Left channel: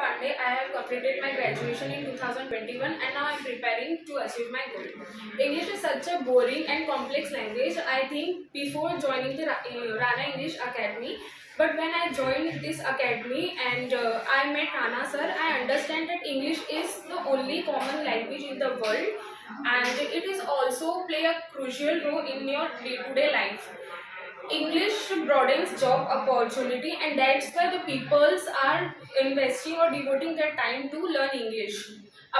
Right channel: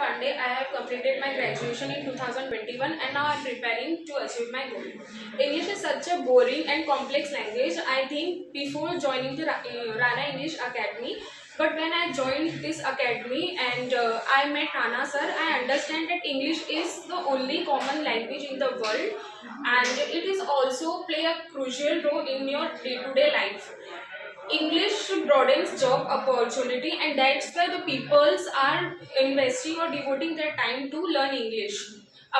Pandey. I have completed my graduation in 2021 and now I am preparing to achieve my goal. English is such a boring and complex language. I think before joining the Rana English Academy, but when I joined this academy and I met Rana sir, I understand that English is the only common language in the world and it is also play a crucial role in your day-to-day life. English broadens job opportunity and that's why the peoples are investing or devoting their time to learn English.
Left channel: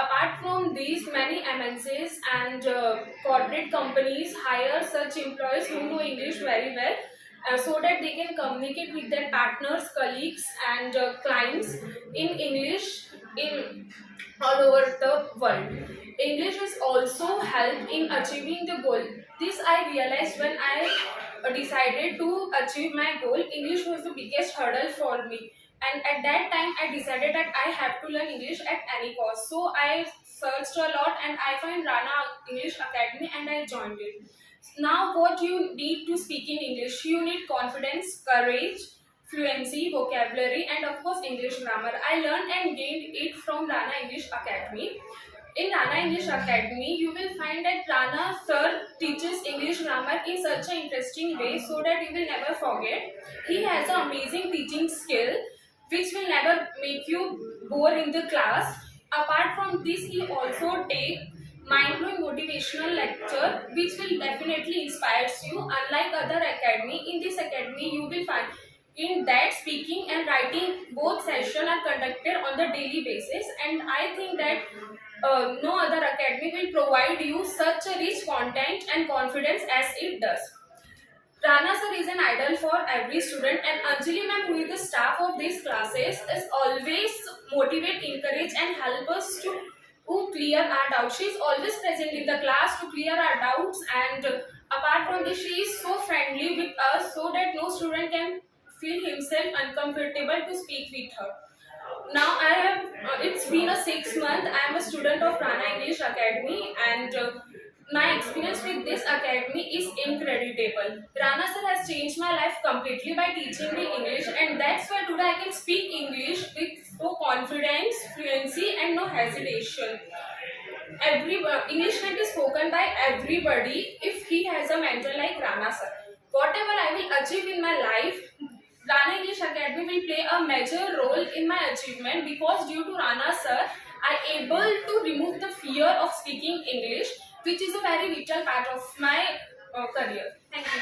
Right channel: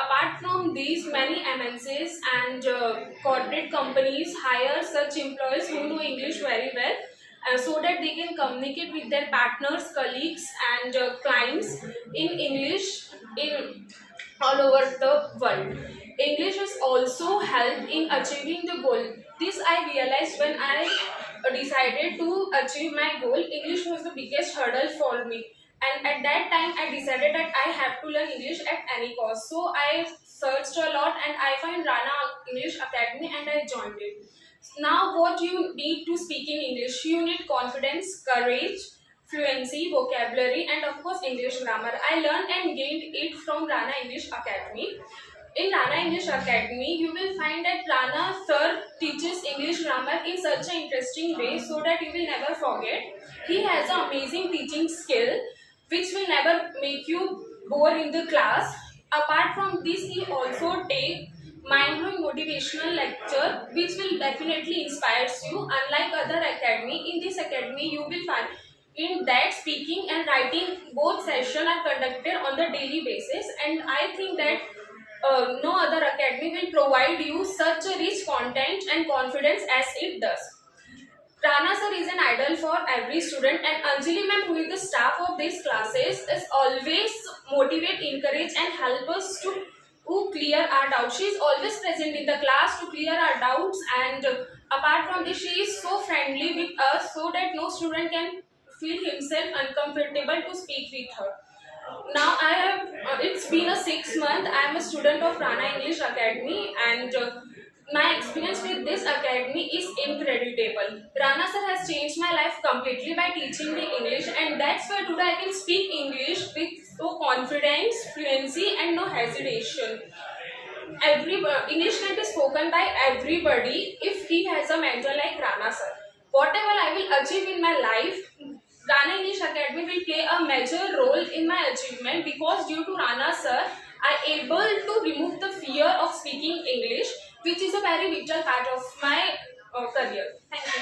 Apart from these, many MNCs and corporate companies hire such employees who know English very well so that they can communicate with their partners, colleagues and clients in English in all over the world. English is also helped in achieving the goal. This I realized when I decided to achieve my goal. English was the biggest hurdle for me. And at that time, I decided that I have to learn English at any cost. So I searched a lot and I found Rana English Academy and I joined it. Now, what you need to speak in English? You need confidence, courage, fluency, vocabulary, and of course English grammar. I learned and gained it from Rana English Academy. In Rana English Academy, you will find that Rana sir teaches English grammar in such an interesting way so that you will never forget. He has an amazing teaching skill which will never make you bore in the class. Apart from this, he also take mind-blowing motivational lecture which will definitely inspires you. Unlike other academy, in this academy you will find in that speaking and writing both sessions are conducted on the daily basis, and I think that no other academy will provide you such a rich content and confidence as it does. Rana sir is an idol for every student and Anjali ma'am, who is the staff of these classes, is always motivate, encourage and help us to clear our doubts. She is always present in the class to clear our doubts, and apart from this, she is so friendly with us so that no student can feel himself uncomfortable to speak with her. Now I have, it's been a 6 month. I am a student of Rana English Academy and my experience with this academy is incredible. Rana sir has changed my life completely by teaching me English, and that's why today I can speak English with so confidence, fluency and no hesitation. English can be spoken by everybody if he has a mentor like Rana sir. Whatever I will achieve in my life, Rana English Academy will play a major role in my achievement because due to Rana sir, I able to remove the fear of speaking English, which is a very vital part of my career. Thank you.